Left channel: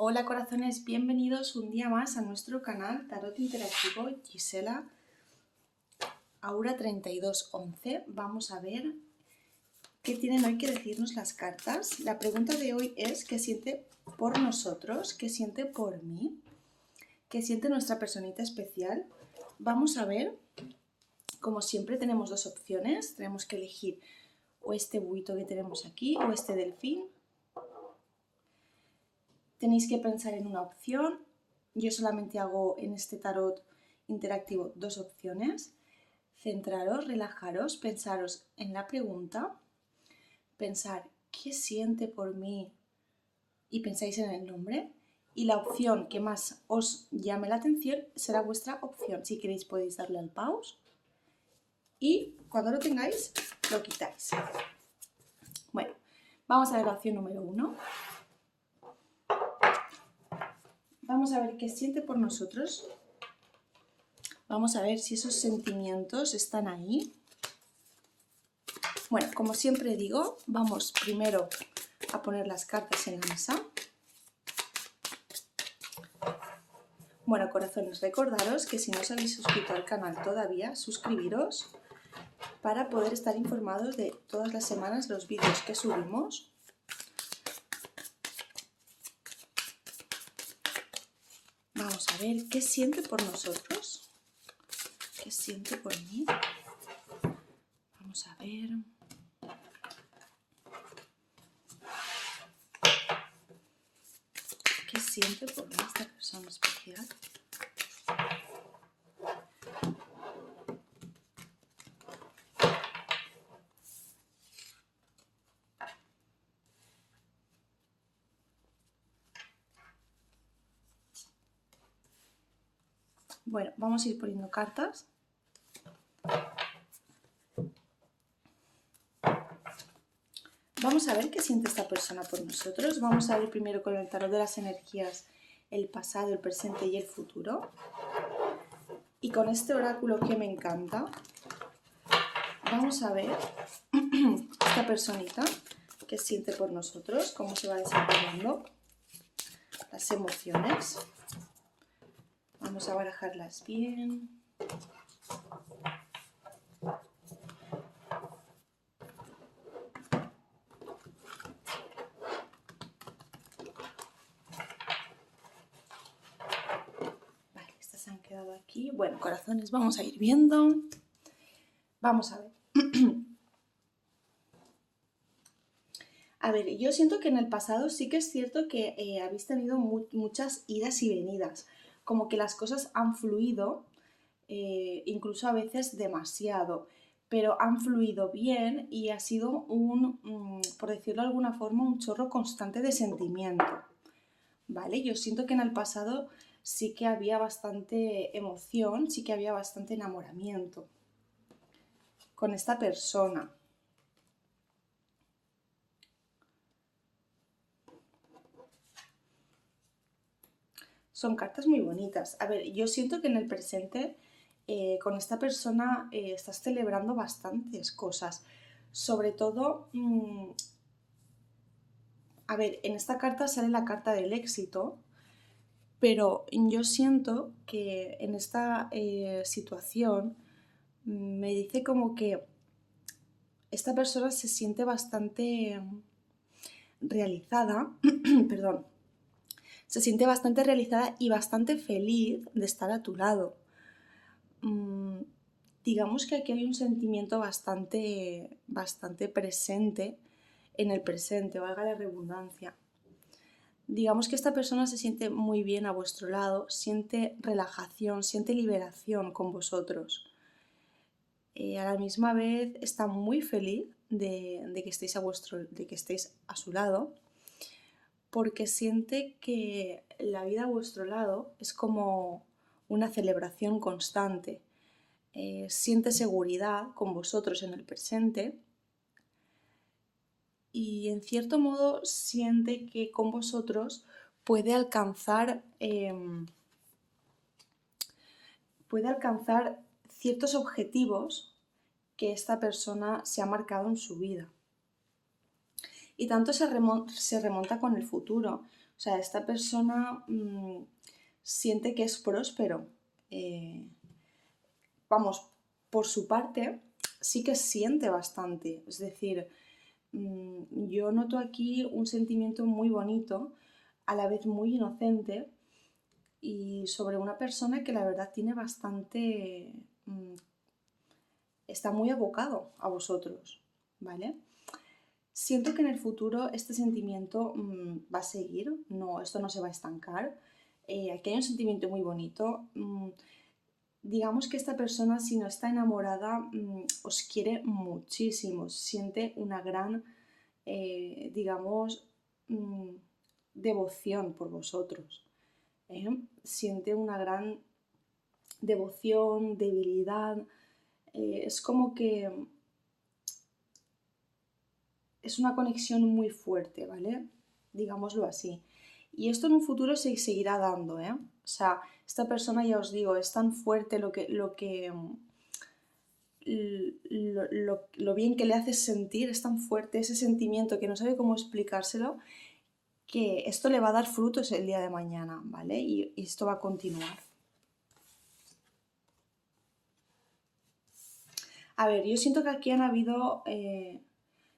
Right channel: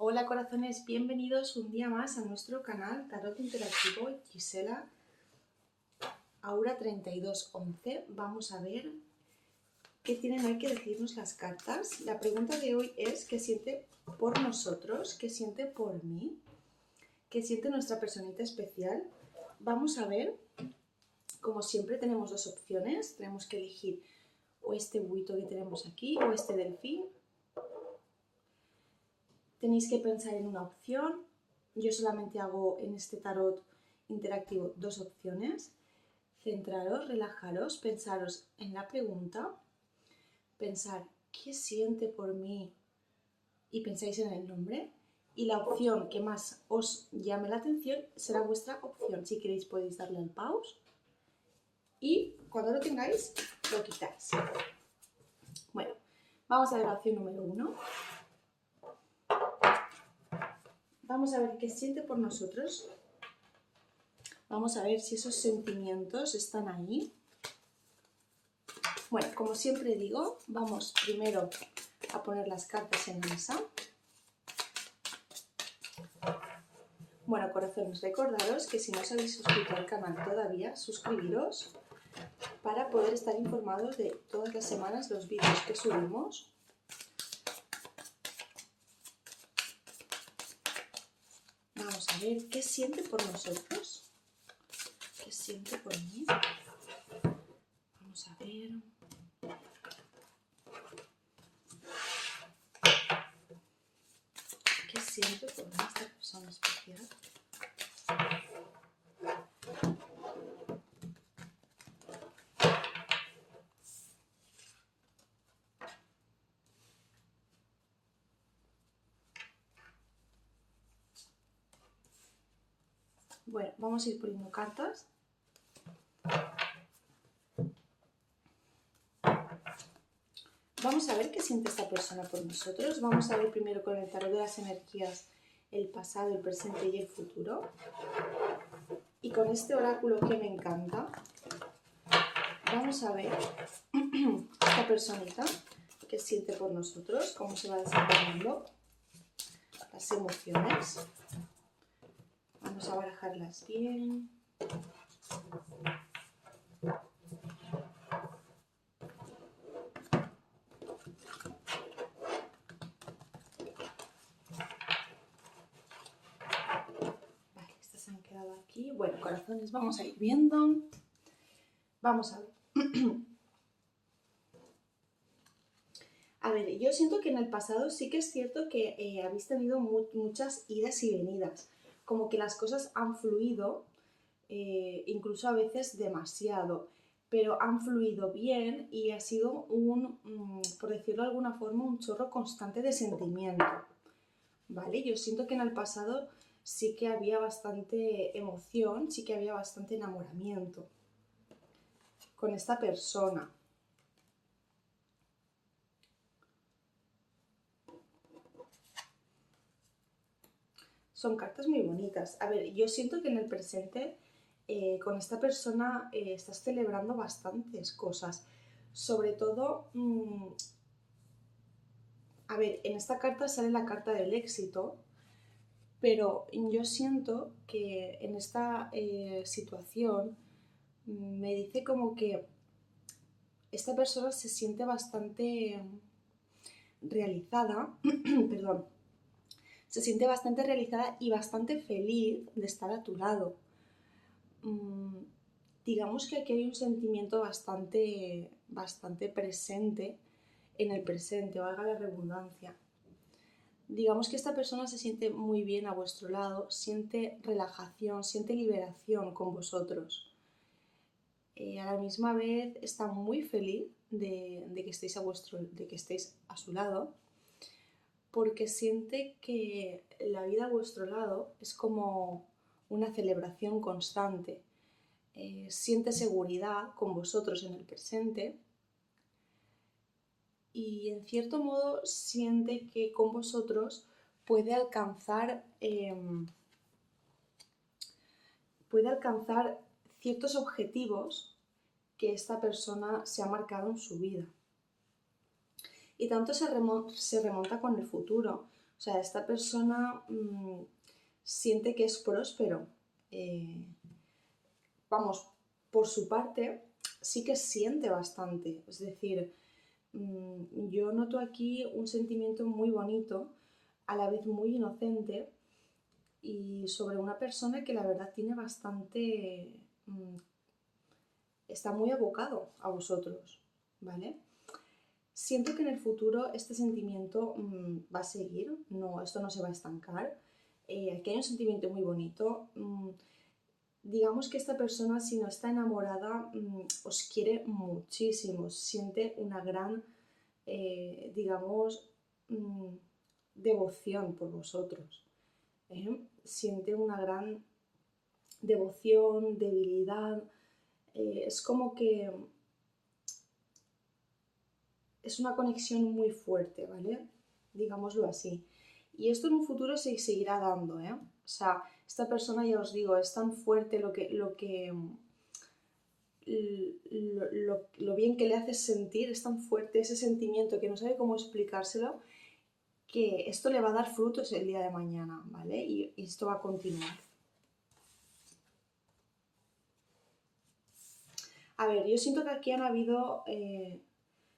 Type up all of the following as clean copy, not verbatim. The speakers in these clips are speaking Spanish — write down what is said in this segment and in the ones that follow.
Hola corazones, bienvenidos un día más a nuestro canal Tarot Interactivo Gisela Aura 3211. Vamos a ver qué tienen hoy que decirnos las cartas. La pregunta de hoy es ¿qué siente por nosotros? ¿Qué siente por mí? ¿Qué siente nuestra personita especial? Vamos a ver, como siempre tenemos dos opciones, tenemos que elegir o este buito que tenemos aquí o este delfín. Tenéis que pensar en una opción. Yo solamente hago en este tarot interactivo dos opciones. Centraros, relajaros, pensaros en la pregunta, pensar qué siente por mí y pensáis en el nombre. Y la opción que más os llame la atención será vuestra opción. Si queréis podéis darle al pause y cuando lo tengáis lo quitáis. Bueno, vamos a ver la opción número 1. Vamos a ver qué siente por nosotros. Vamos a ver si esos sentimientos están ahí. Bueno, como siempre digo, vamos primero a poner las cartas en la mesa. Bueno, corazones, recordaros que si no os habéis suscrito al canal todavía, suscribiros para poder estar informados de todas las semanas los vídeos que subimos. Vamos a ver qué siente por nosotros, qué siente por mí. Vamos a ver. ¿Qué siente por mí esta persona especial? Bueno, vamos a ir poniendo cartas. Vamos a ver qué siente esta persona por nosotros. Vamos a ver primero con el tarot de las energías el pasado, el presente y el futuro. Y con este oráculo que me encanta, vamos a ver esta personita qué siente por nosotros, cómo se va desempeñando, las emociones. Vamos a barajarlas bien. Vale, estas se han quedado aquí. Bueno, corazones, vamos a ir viendo. Vamos a ver. A ver, yo siento que en el pasado sí que es cierto que habéis tenido muchas idas y venidas, como que las cosas han fluido, incluso a veces demasiado, pero han fluido bien y ha sido por decirlo de alguna forma, un chorro constante de sentimiento, ¿vale? Yo siento que en el pasado sí que había bastante emoción, sí que había bastante enamoramiento con esta persona. Son cartas muy bonitas. A ver, yo siento que en el presente con esta persona estás celebrando bastantes cosas. Sobre todo, a ver, en esta carta sale la carta del éxito, pero yo siento que en esta situación me dice como que esta persona se siente bastante realizada, perdón, se siente bastante realizada y bastante feliz de estar a tu lado. Digamos que aquí hay un sentimiento bastante presente en el presente, valga la redundancia. Digamos que esta persona se siente muy bien a vuestro lado, siente relajación, siente liberación con vosotros. A la misma vez está muy feliz de que estéis a su lado, porque siente que la vida a vuestro lado es como una celebración constante. Siente seguridad con vosotros en el presente y en cierto modo siente que con vosotros puede alcanzar ciertos objetivos que esta persona se ha marcado en su vida. Y tanto se remonta con el futuro. O sea, esta persona siente que es próspero. Vamos, por su parte, sí que siente bastante. Es decir, yo noto aquí un sentimiento muy bonito, a la vez muy inocente, y sobre una persona que la verdad tiene bastante... está muy abocado a vosotros, ¿vale? Siento que en el futuro este sentimiento va a seguir, no, esto no se va a estancar. Aquí hay un sentimiento muy bonito. Digamos que esta persona, si no está enamorada, os quiere muchísimo, siente una gran, digamos, devoción por vosotros. Siente una gran devoción, debilidad. Es como que es una conexión muy fuerte, ¿vale? Digámoslo así. Y esto en un futuro se seguirá dando, ¿eh? O sea, esta persona, ya os digo, es tan fuerte lo bien que le hace sentir, es tan fuerte ese sentimiento que no sabe cómo explicárselo, que esto le va a dar frutos el día de mañana, ¿vale? Y esto va a continuar. A ver, yo siento que aquí han habido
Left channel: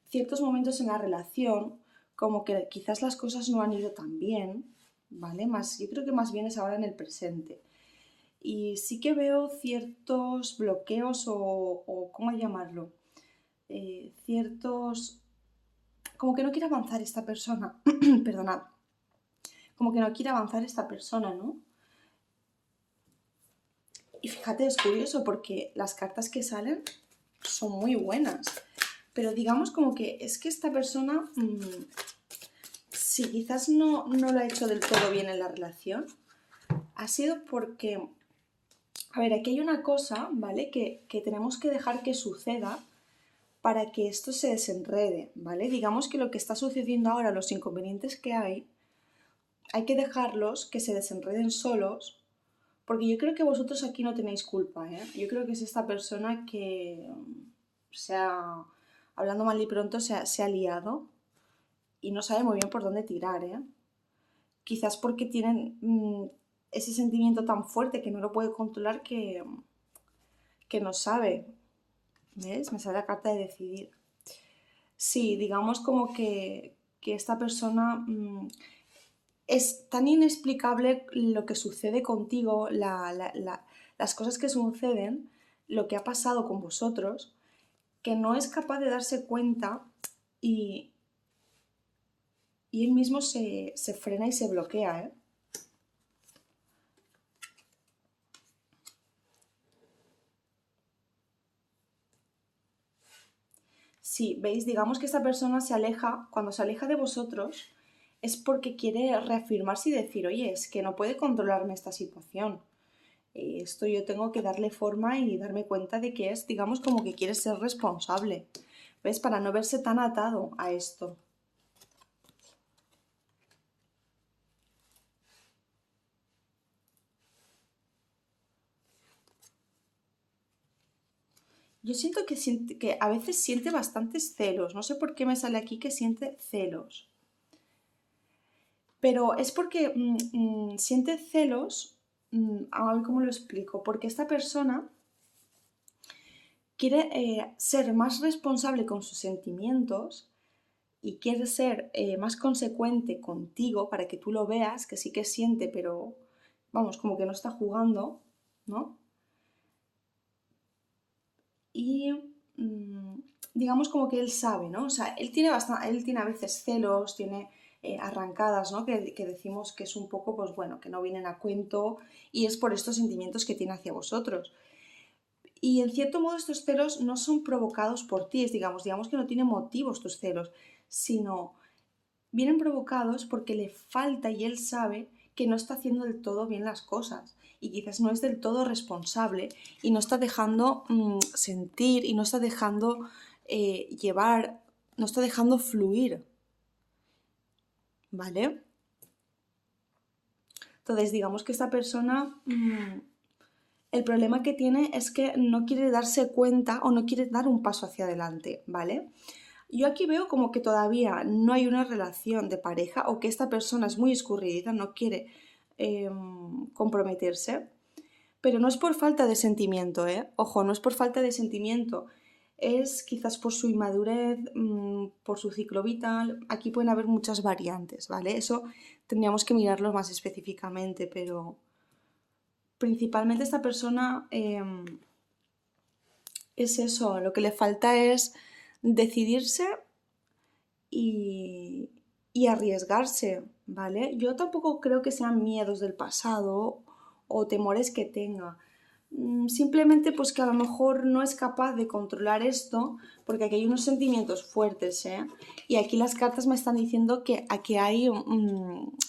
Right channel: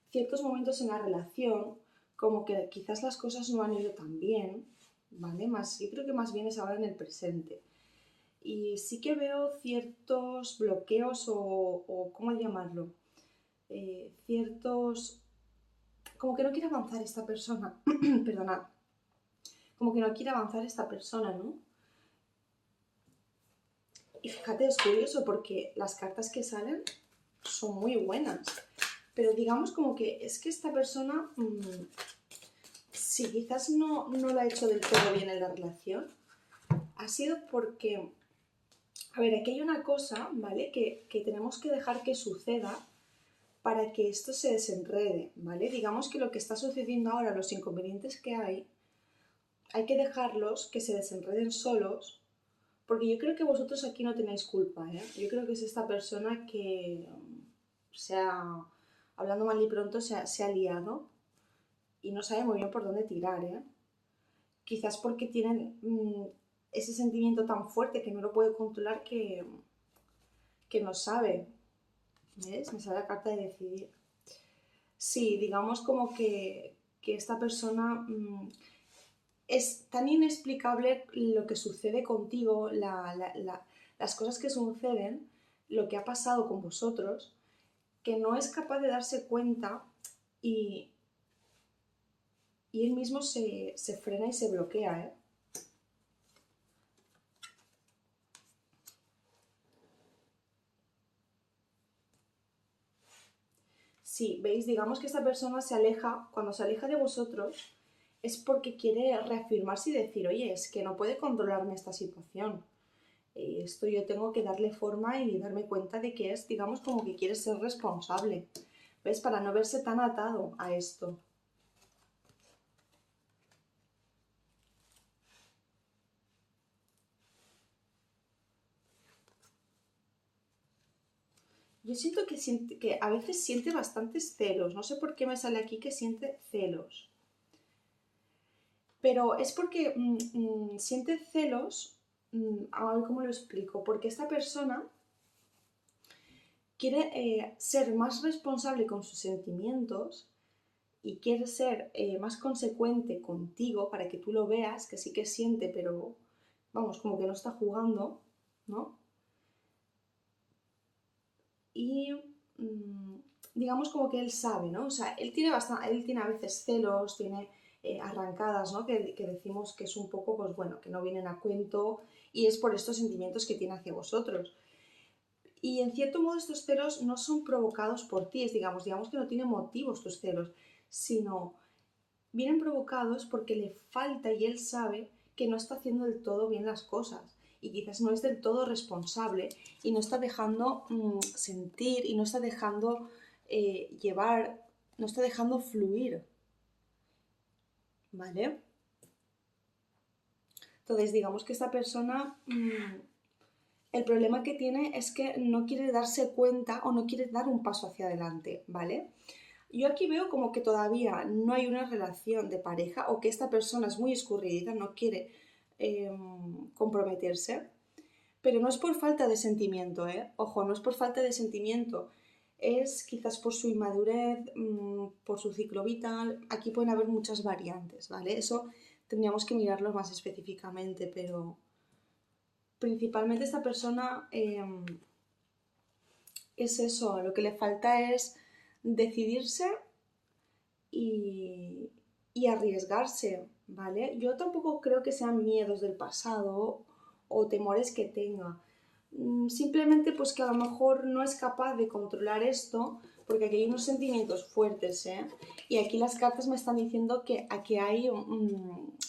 ciertos momentos en la relación, como que quizás las cosas no han ido tan bien, ¿vale? Yo creo que más bien es ahora en el presente. Y sí que veo ciertos bloqueos o ¿cómo llamarlo? Ciertos... Como que no quiere avanzar esta persona, perdonad, como que no quiere avanzar esta persona, ¿no? Y fíjate, es curioso porque las cartas que salen son muy buenas, pero digamos como que es que esta persona, si quizás no lo ha hecho del todo bien en la relación, ha sido porque, a ver, aquí hay una cosa, ¿vale? Que tenemos que dejar que suceda para que esto se desenrede, ¿vale? Digamos que lo que está sucediendo ahora, los inconvenientes que hay que dejarlos que se desenreden solos, porque yo creo que vosotros aquí no tenéis culpa, ¿eh? Yo creo que es esta persona que se ha, hablando mal y pronto, se ha liado y no sabe muy bien por dónde tirar, ¿eh? Quizás porque tienen ese sentimiento tan fuerte que no lo puede controlar que no sabe. ¿Ves? Me sale la carta de decidir. Sí, digamos como que esta persona es tan inexplicable lo que sucede contigo, las cosas que suceden, lo que ha pasado con vosotros, que no es capaz de darse cuenta y, y él mismo se frena y se bloquea, ¿eh? Sí, veis, digamos que esta persona se aleja, cuando se aleja de vosotros, es porque quiere reafirmarse y decir, oye, es que no puede controlarme esta situación. Esto yo tengo que darle forma y darme cuenta de que es, digamos, como que quiere ser responsable. ¿Ves? Para no verse tan atado a esto. Yo siento que a veces siente bastantes celos. No sé por qué me sale aquí que siente celos. Pero es porque siente celos. A ver cómo lo explico. Porque esta persona quiere ser más responsable con sus sentimientos y quiere ser más consecuente contigo para que tú lo veas, que sí que siente, pero vamos, como que no está jugando, ¿no? Y digamos como que él sabe, ¿no? O sea, él tiene a veces celos, tiene arrancadas, ¿no? Que decimos que es un poco, pues bueno, que no vienen a cuento y es por estos sentimientos que tiene hacia vosotros. Y en cierto modo estos celos no son provocados por ti, digamos que no tienen motivos tus celos, sino vienen provocados porque le falta y él sabe que no está haciendo del todo bien las cosas y quizás no es del todo responsable y no está dejando sentir y no está dejando llevar, no está dejando fluir, ¿vale? Entonces digamos que esta persona, el problema que tiene es que no quiere darse cuenta o no quiere dar un paso hacia adelante, ¿vale? Yo aquí veo como que todavía no hay una relación de pareja o que esta persona es muy escurridiza, no quiere comprometerse, pero no es por falta de sentimiento, ¿eh? Ojo, no es por falta de sentimiento, es quizás por su inmadurez, por su ciclo vital, aquí pueden haber muchas variantes, ¿vale? Eso tendríamos que mirarlo más específicamente, pero principalmente esta persona es eso, lo que le falta es decidirse y, y arriesgarse, ¿vale? Yo tampoco creo que sean miedos del pasado o temores que tenga. Simplemente pues que a lo mejor no es capaz de controlar esto porque aquí hay unos sentimientos fuertes, ¿eh? Y aquí las cartas me están diciendo que aquí hay,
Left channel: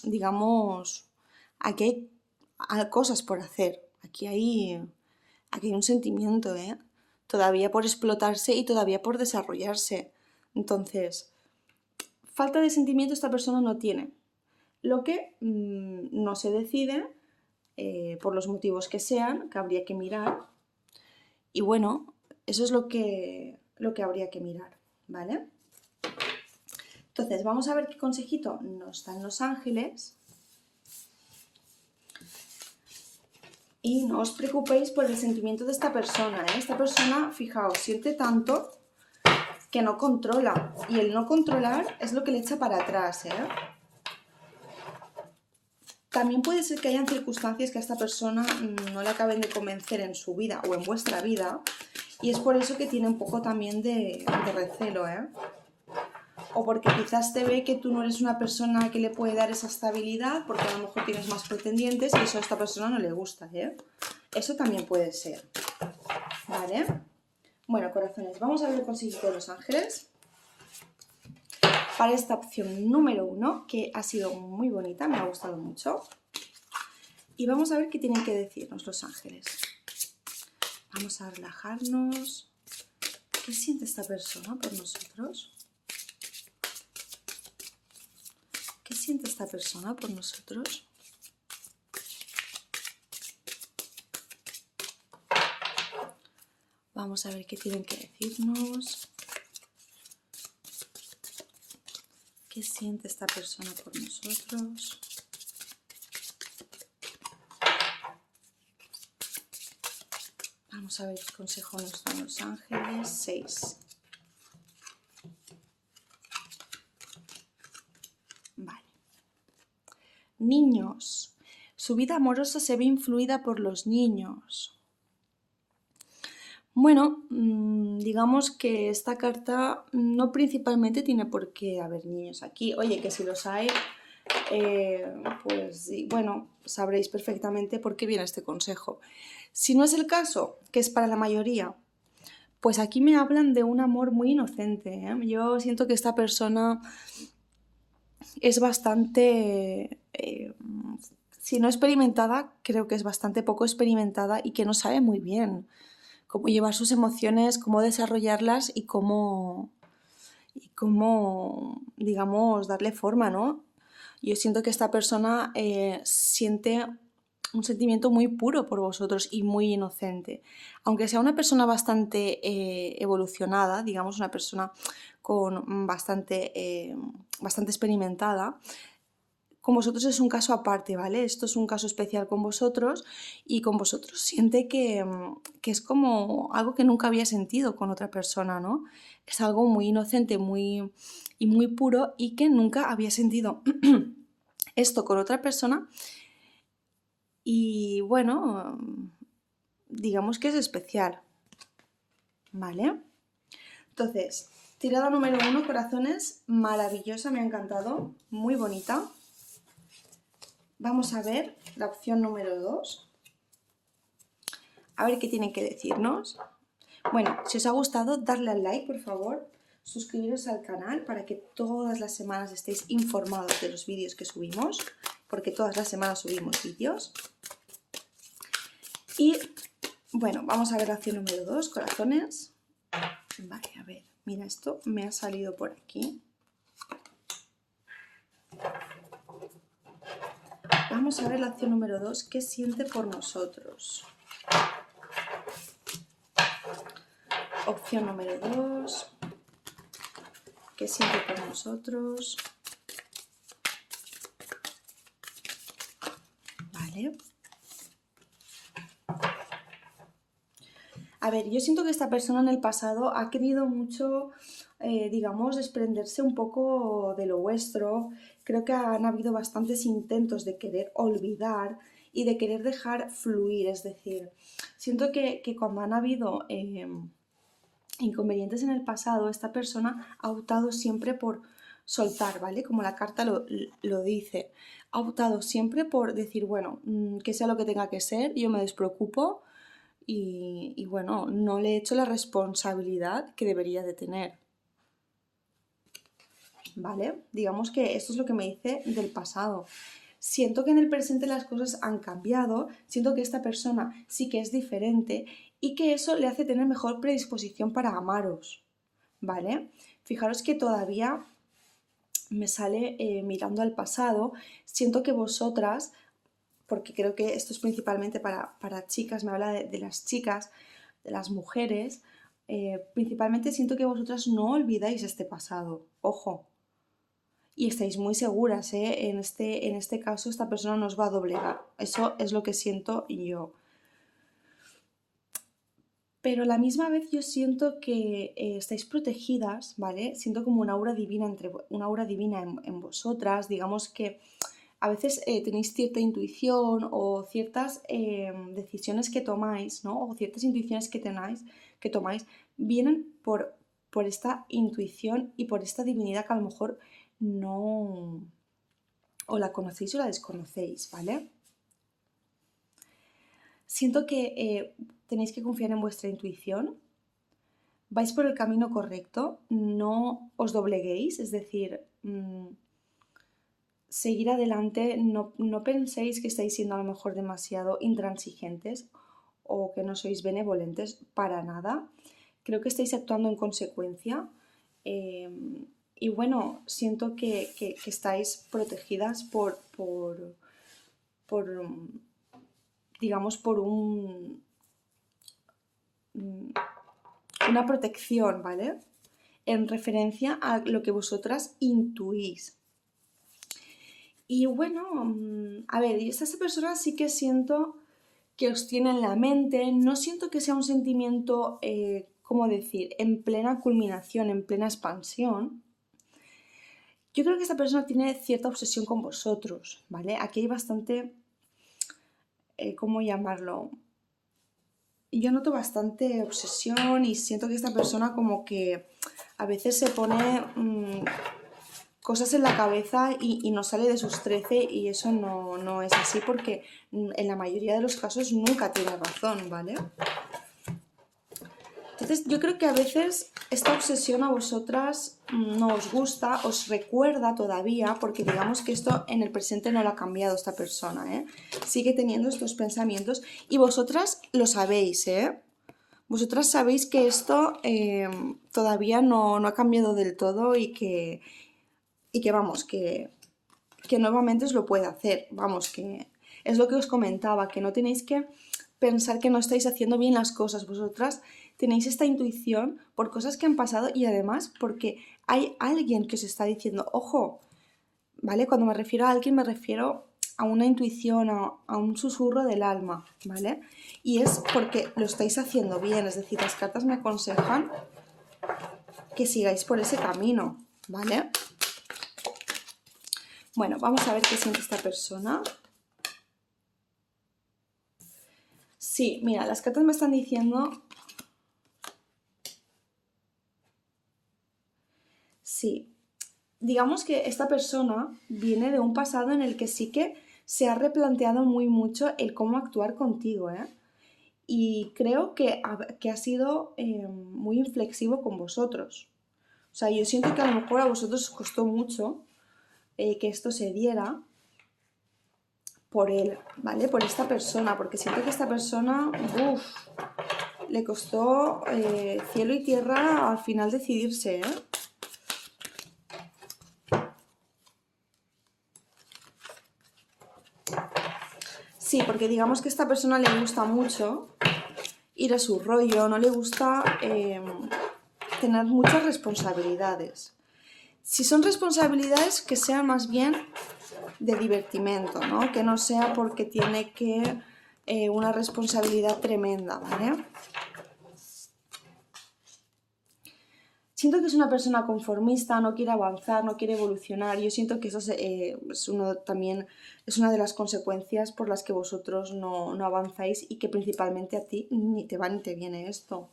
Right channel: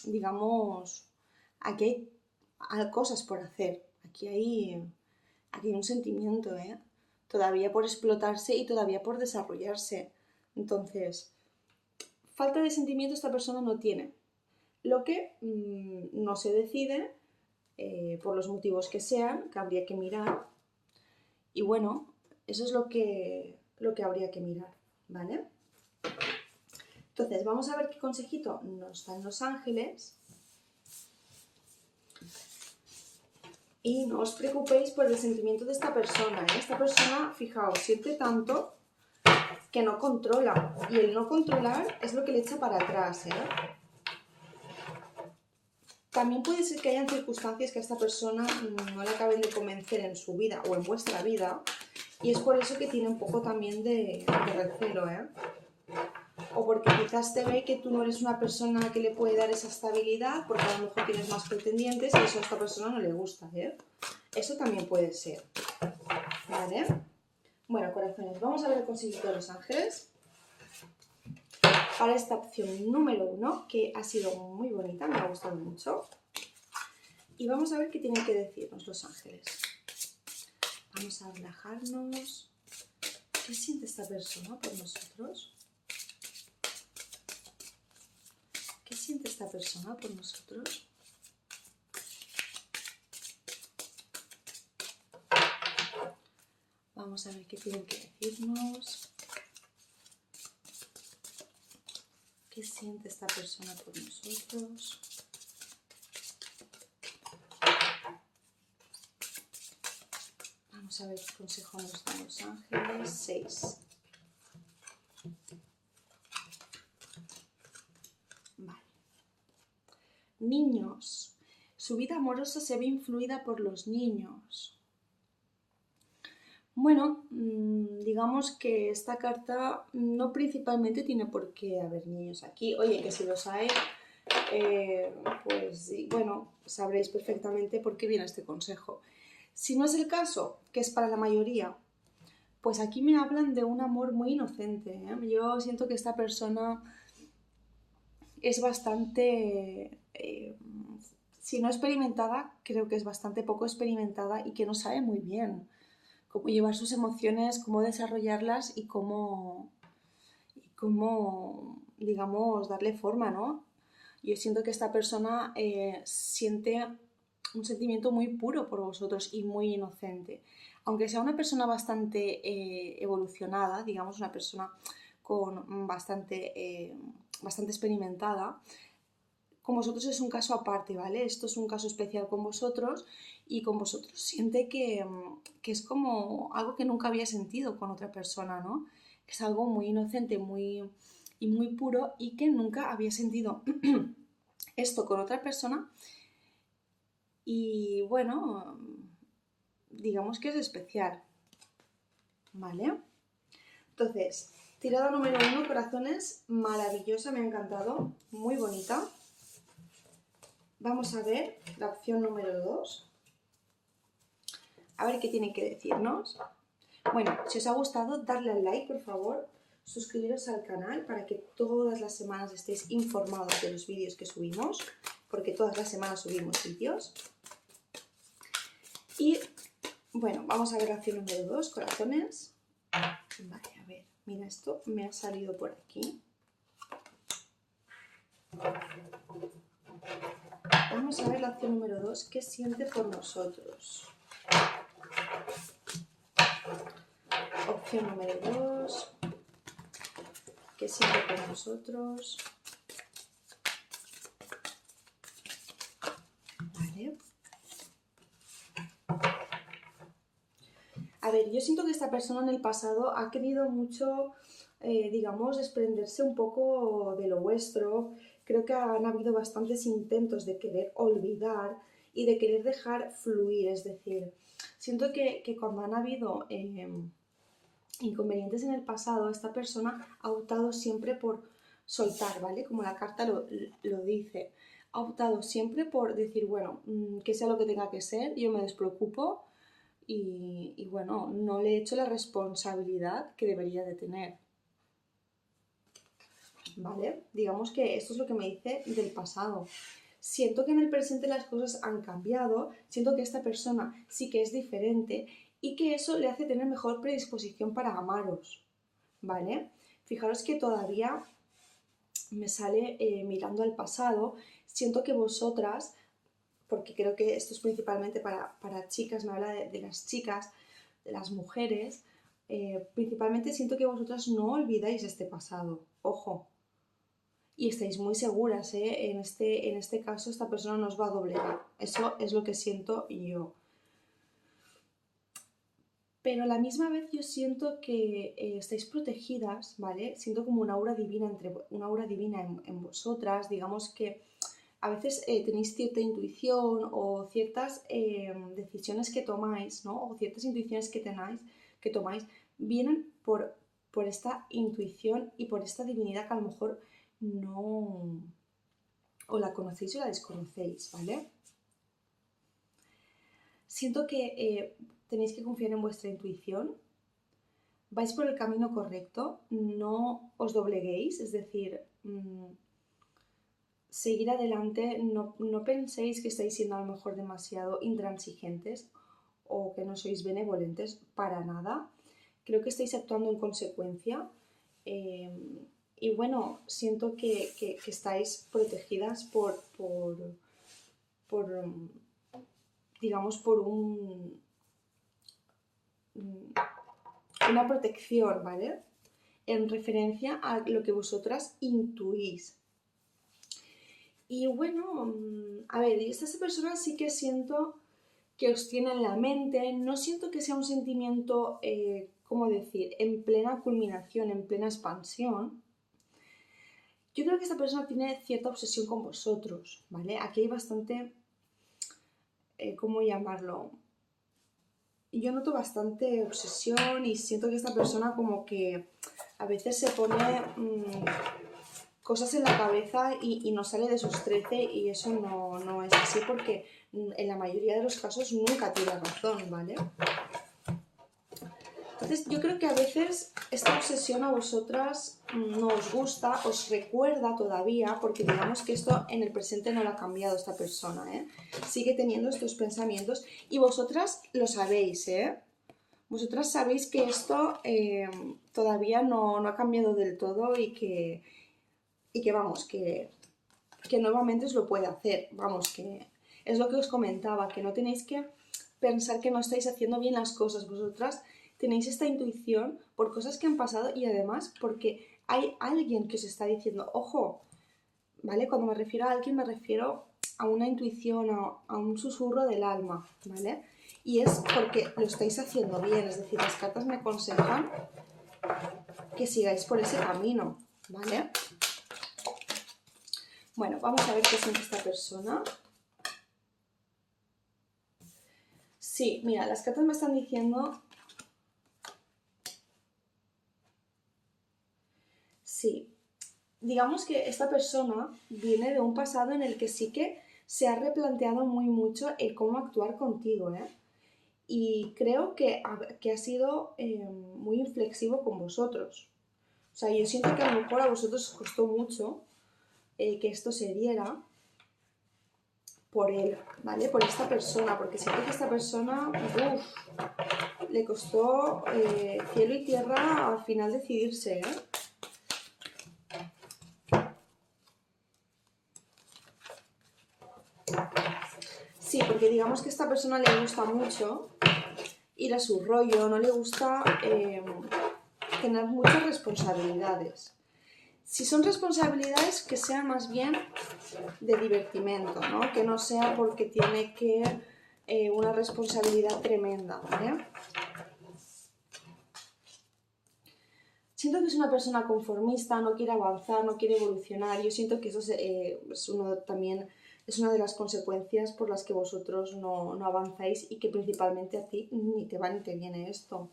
digamos, aquí hay cosas por hacer, aquí hay un sentimiento, ¿eh? Todavía por explotarse y todavía por desarrollarse. Entonces, falta de sentimiento esta persona no tiene, lo que no se decide por los motivos que sean, que habría que mirar. Y bueno, eso es lo que habría que mirar, ¿vale? Entonces, vamos a ver qué consejito nos dan los ángeles. Y no os preocupéis por el sentimiento de esta persona, ¿eh? Esta persona, fijaos, siente tanto que no controla. Y el no controlar es lo que le echa para atrás, ¿eh? También puede ser que hayan circunstancias que a esta persona no le acaben de convencer en su vida o en vuestra vida, y es por eso que tiene un poco también de recelo, ¿eh? O porque quizás te ve que tú no eres una persona que le puede dar esa estabilidad, porque a lo mejor tienes más pretendientes y eso a esta persona no le gusta, ¿eh? Eso también puede ser, ¿vale? Bueno, corazones, vamos a ver el consejito de los ángeles para esta opción número 1, que ha sido muy bonita, me ha gustado mucho. Y vamos a ver qué tienen que decirnos los ángeles. Vamos a relajarnos. ¿Qué siente esta persona por nosotros? ¿Qué siente esta persona por nosotros? Vamos a ver qué tienen que decirnos. ¿Qué siente esta persona por nosotros? Vamos a ver qué consejo nos dan los ángeles. 6. Vale. Niños. Su vida amorosa se ve influida por los niños. Bueno, digamos que esta carta no principalmente tiene por qué haber niños aquí. Oye, que si los hay, pues bueno, sabréis perfectamente por qué viene este consejo. Si no es el caso, que es para la mayoría, pues aquí me hablan de un amor muy inocente, ¿eh? Yo siento que esta persona es bastante, si no experimentada, creo que es bastante poco experimentada y que no sabe muy bien cómo llevar sus emociones, cómo desarrollarlas y cómo, digamos, darle forma, ¿no? Yo siento que esta persona siente un sentimiento muy puro por vosotros y muy inocente. Aunque sea una persona bastante evolucionada, digamos, una persona con bastante experimentada, con vosotros es un caso aparte, ¿vale? Esto es un caso especial con vosotros y con vosotros siente que es como algo que nunca había sentido con otra persona, ¿no? Es algo muy inocente y muy puro y que nunca había sentido esto con otra persona y bueno, digamos que es especial, ¿vale? Entonces, tirada número 1, corazones, maravillosa, me ha encantado, muy bonita. Vamos a ver la opción número 2. A ver qué tienen que decirnos. Bueno, si os ha gustado, darle al like, por favor. Suscribiros al canal para que todas las semanas estéis informados de los vídeos que subimos, porque todas las semanas subimos vídeos. Y bueno, vamos a ver la opción número 2, corazones. Vale, a ver, mira, esto me ha salido por aquí. Vamos a ver la opción número 2, ¿qué siente por nosotros? Opción número 2. ¿Qué siente por nosotros? Vale. A ver, yo siento que esta persona en el pasado ha querido mucho, digamos, desprenderse un poco de lo vuestro. Creo que han habido bastantes intentos de querer olvidar y de querer dejar fluir. Es decir, siento que cuando han habido inconvenientes en el pasado, esta persona ha optado siempre por soltar, ¿vale? Como la carta lo dice. Ha optado siempre por decir, bueno, que sea lo que tenga que ser, yo me despreocupo y bueno, no le he hecho la responsabilidad que debería de tener. ¿Vale? Digamos que esto es lo que me dice del pasado. Siento que en el presente las cosas han cambiado, siento que esta persona sí que es diferente y que eso le hace tener mejor predisposición para amaros, ¿vale? Fijaros que todavía me sale mirando al pasado, siento que vosotras, porque creo que esto es principalmente para chicas, me habla de las chicas, de las mujeres, principalmente siento que vosotras no olvidáis este pasado, ojo, y estáis muy seguras, ¿eh? En este caso esta persona no os va a doblegar, eso es lo que siento yo. Pero a la misma vez yo siento que estáis protegidas, ¿vale? Siento como una aura divina, una aura divina en vosotras, digamos que a veces tenéis cierta intuición o ciertas decisiones que tomáis, ¿no? O ciertas intuiciones que tomáis, vienen por esta intuición y por esta divinidad que a lo mejor no o la conocéis o la desconocéis, ¿vale? Siento que tenéis que confiar en vuestra intuición, vais por el camino correcto, no os dobleguéis, es decir, seguir adelante, no penséis que estáis siendo a lo mejor demasiado intransigentes o que no sois benevolentes para nada. Creo que estáis actuando en consecuencia y bueno, siento que estáis protegidas por digamos, por una protección, ¿vale? En referencia a lo que vosotras intuís. Y bueno, a ver, esta persona sí que siento que os tiene en la mente, no siento que sea un sentimiento, ¿cómo decir?, en plena culminación, en plena expansión. Yo creo que esta persona tiene cierta obsesión con vosotros, ¿vale? Aquí hay bastante, ¿cómo llamarlo? Yo noto bastante obsesión y siento que esta persona como que a veces se pone cosas en la cabeza y no sale de sus 13 y eso no es así porque en la mayoría de los casos nunca tiene razón, ¿vale? Entonces yo creo que a veces esta obsesión a vosotras no os gusta, os recuerda todavía, porque digamos que esto en el presente no lo ha cambiado esta persona, ¿eh? Sigue teniendo estos pensamientos y vosotras lo sabéis, ¿eh? Vosotras sabéis que esto todavía no ha cambiado del todo y que vamos, que nuevamente os lo puede hacer. Vamos, que es lo que os comentaba, que no tenéis que pensar que no estáis haciendo bien las cosas. Vosotras tenéis esta intuición por cosas que han pasado y además porque hay alguien que os está diciendo, ojo, ¿vale? Cuando me refiero a alguien me refiero a una intuición, a un susurro del alma, ¿vale? Y es porque lo estáis haciendo bien, es decir, las cartas me aconsejan que sigáis por ese camino, ¿vale? Bueno, vamos a ver qué siente esta persona. Sí, mira, las cartas me están diciendo... Sí, digamos que esta persona viene de un pasado en el que sí que se ha replanteado muy mucho el cómo actuar contigo, ¿eh? Y creo que ha sido muy inflexivo con vosotros. O sea, yo siento que a lo mejor a vosotros os costó mucho que esto se diera por él, ¿vale? Por esta persona, porque siento que esta persona, le costó cielo y tierra al final decidirse, ¿eh? Sí, porque digamos que a esta persona le gusta mucho ir a su rollo, no le gusta tener muchas responsabilidades. Si son responsabilidades, que sean más bien de divertimento, ¿no? Que no sea porque tiene que una responsabilidad tremenda, ¿vale? Siento que es una persona conformista, no quiere avanzar, no quiere evolucionar. Yo siento que eso también es una de las consecuencias por las que vosotros no avanzáis y que principalmente a ti ni te va ni te viene esto.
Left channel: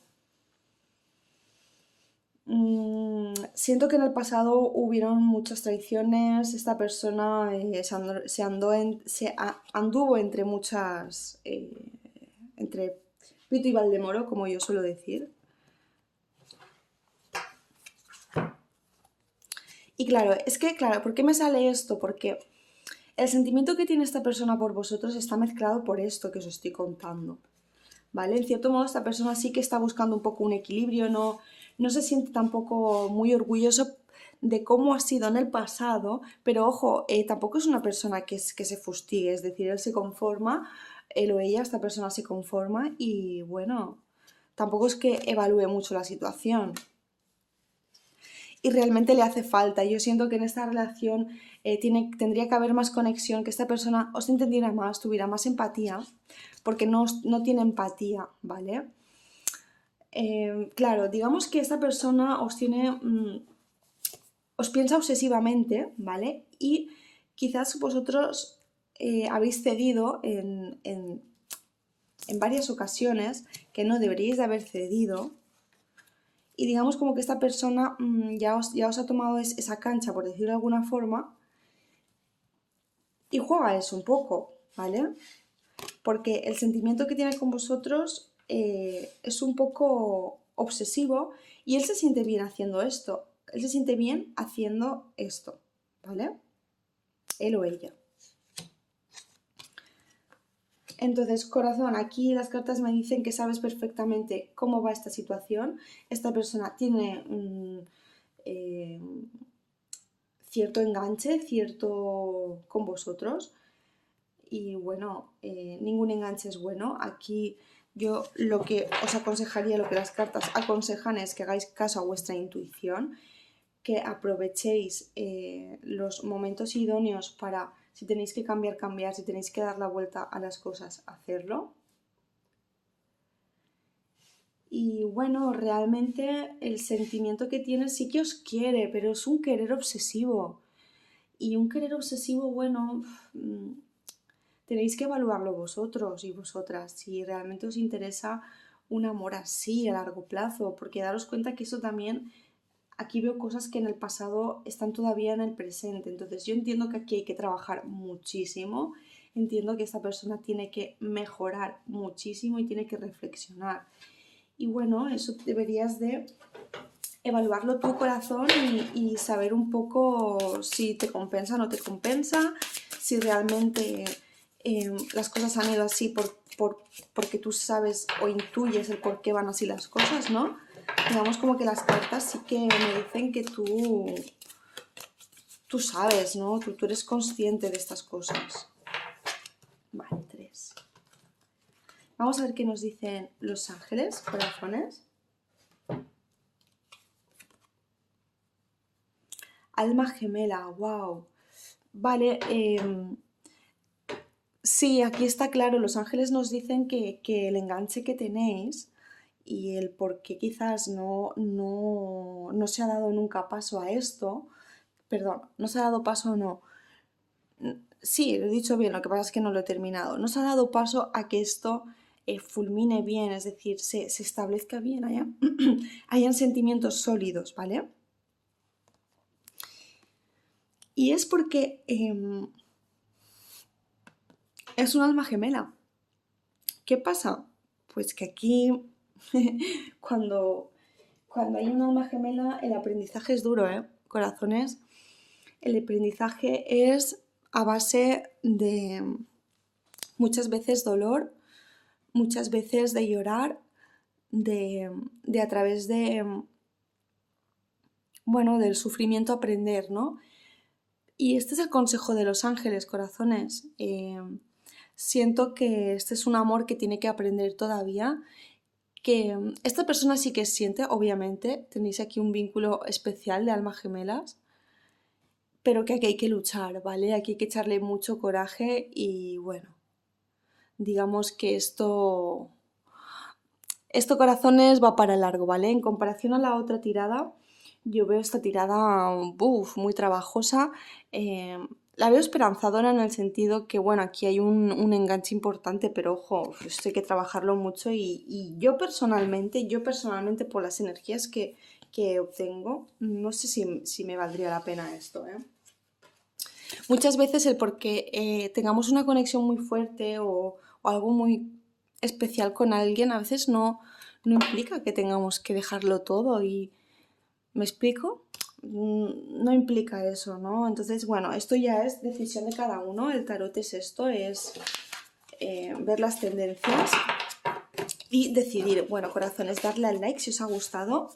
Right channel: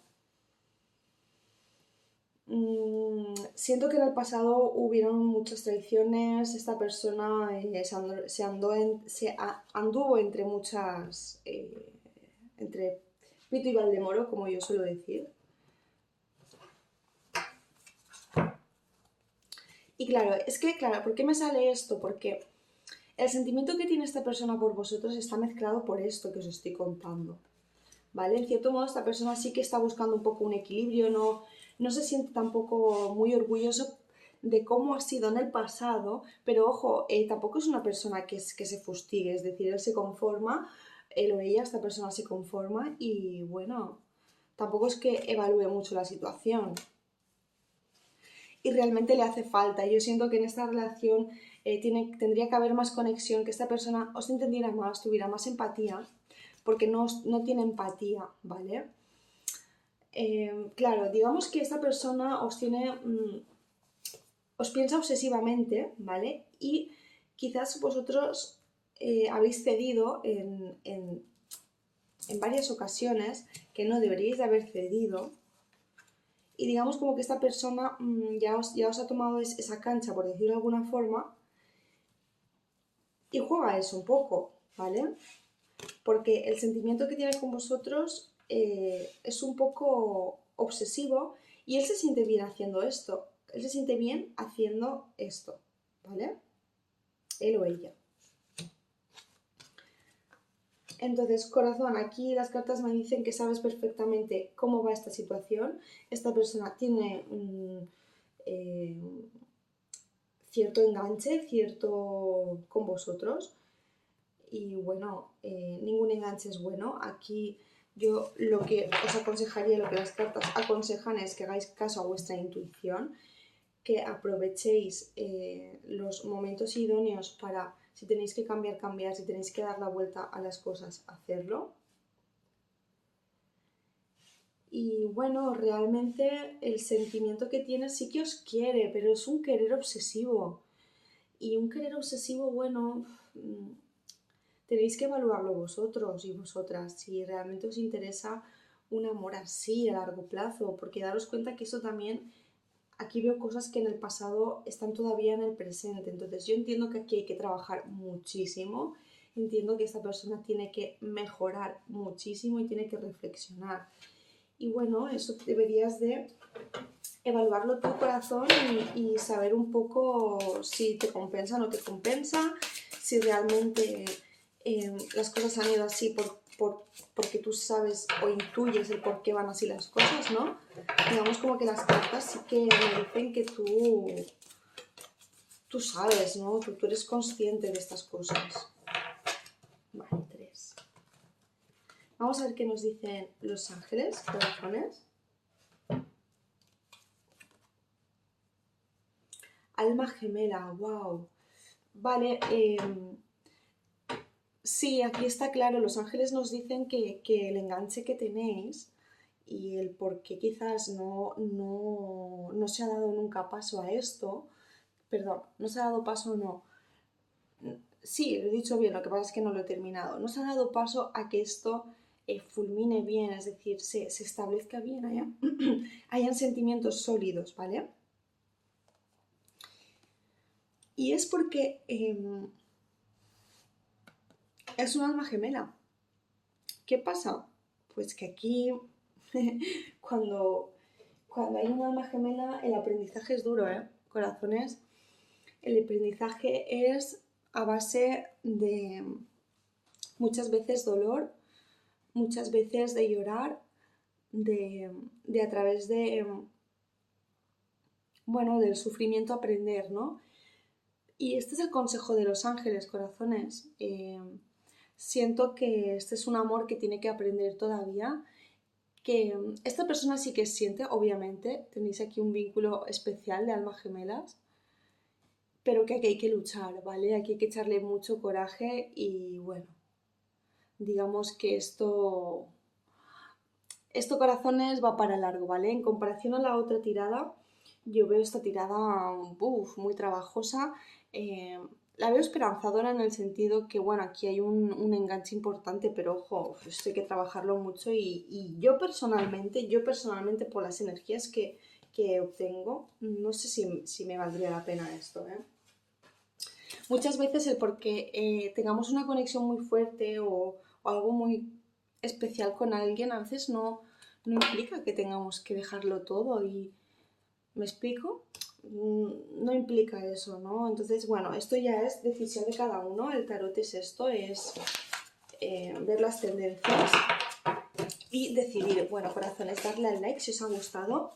Siento que en el pasado hubieron muchas traiciones, esta persona anduvo entre muchas, entre Pito y Valdemoro, como yo suelo decir. Y claro, ¿por qué me sale esto? Porque el sentimiento que tiene esta persona por vosotros está mezclado por esto que os estoy contando, ¿vale? En cierto modo, esta persona sí que está buscando un poco un equilibrio, no se siente tampoco muy orgulloso de cómo ha sido en el pasado, pero ojo, tampoco es una persona que se fustigue, es decir, él se conforma, él o ella, esta persona se conforma y bueno, tampoco es que evalúe mucho la situación. Y realmente le hace falta. Yo siento que en esta relación tendría que haber más conexión, que esta persona os entendiera más, tuviera más empatía, porque no tiene empatía, ¿vale? Claro, digamos que esta persona os piensa obsesivamente, ¿vale? Y quizás vosotros habéis cedido en varias ocasiones que no deberíais de haber cedido. Y digamos como que esta persona ya os ha tomado esa cancha, por decirlo de alguna forma, y juega eso un poco, ¿vale? Porque el sentimiento que tiene con vosotros es un poco obsesivo y él se siente bien haciendo esto. Él se siente bien haciendo esto, ¿vale? Él o ella. Entonces, corazón, aquí las cartas me dicen que sabes perfectamente cómo va esta situación. Esta persona tiene cierto enganche, cierto con vosotros. Y bueno, ningún enganche es bueno. Aquí yo lo que os aconsejaría, lo que las cartas aconsejan es que hagáis caso a vuestra intuición, que aprovechéis los momentos idóneos para, si tenéis que cambiar, si tenéis que dar la vuelta a las cosas, hacerlo. Y bueno, realmente el sentimiento que tiene sí que os quiere, pero es un querer obsesivo. Y un querer obsesivo, bueno, tenéis que evaluarlo vosotros y vosotras, si realmente os interesa un amor así a largo plazo, porque daros cuenta que eso también, aquí veo cosas que en el pasado están todavía en el presente, entonces yo entiendo que aquí hay que trabajar muchísimo, entiendo que esta persona tiene que mejorar muchísimo y tiene que reflexionar. Y bueno, eso deberías de evaluarlo tu corazón y saber un poco si te compensa o no te compensa, si realmente las cosas han ido así porque tú sabes o intuyes el por qué van así las cosas, ¿no? Digamos como que las cartas sí que me dicen que tú sabes, ¿no? Tú eres consciente de estas cosas. Vale, 3. Vamos a ver qué nos dicen los ángeles, corazones. Alma gemela, wow. Vale, sí, aquí está claro, los ángeles nos dicen que el enganche que tenéis y el por qué quizás no se ha dado nunca paso a esto, perdón, no se ha dado paso o no, sí, lo he dicho bien, lo que pasa es que no lo he terminado, no se ha dado paso a que esto fulmine bien, es decir, se establezca bien, hayan sentimientos sólidos, ¿vale? Y es porque es un alma gemela. ¿Qué pasa? Pues que aquí, cuando hay un alma gemela, el aprendizaje es duro, ¿eh? Corazones. El aprendizaje es a base de muchas veces dolor, muchas veces de llorar, de a través de, bueno, del sufrimiento aprender, ¿no? Y este es el consejo de los ángeles, corazones. Siento que este es un amor que tiene que aprender todavía, que esta persona sí que siente, obviamente, tenéis aquí un vínculo especial de almas gemelas, pero que aquí hay que luchar, ¿vale? Aquí hay que echarle mucho coraje y bueno, digamos que esto corazones va para largo, ¿vale? En comparación a la otra tirada, yo veo esta tirada muy trabajosa. eh, la veo esperanzadora en el sentido que, bueno, aquí hay un enganche importante, pero ojo, esto hay que trabajarlo mucho y yo personalmente por las energías que obtengo, no sé si me valdría la pena esto, ¿eh? Muchas veces el porque tengamos una conexión muy fuerte o algo muy especial con alguien, a veces no implica que tengamos que dejarlo todo y ¿me explico? No implica eso, ¿no? Entonces, bueno, esto ya es decisión de cada uno. El tarot es esto, es ver las tendencias y decidir. Bueno, corazones, darle al like si os ha gustado,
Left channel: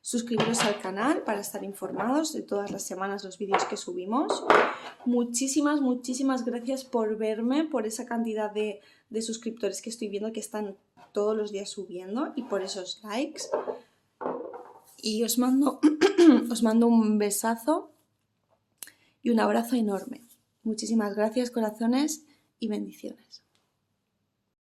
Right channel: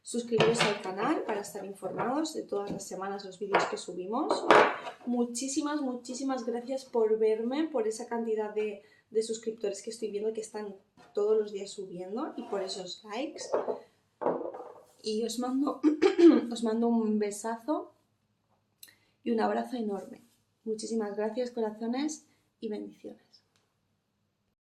suscribiros al canal para estar informados de todas las semanas los vídeos que subimos. Muchísimas, muchísimas gracias por verme, por esa cantidad de suscriptores que estoy viendo que están todos los días subiendo y por esos likes. Y os mando, os mando un besazo y un abrazo enorme. Muchísimas gracias, corazones, y bendiciones.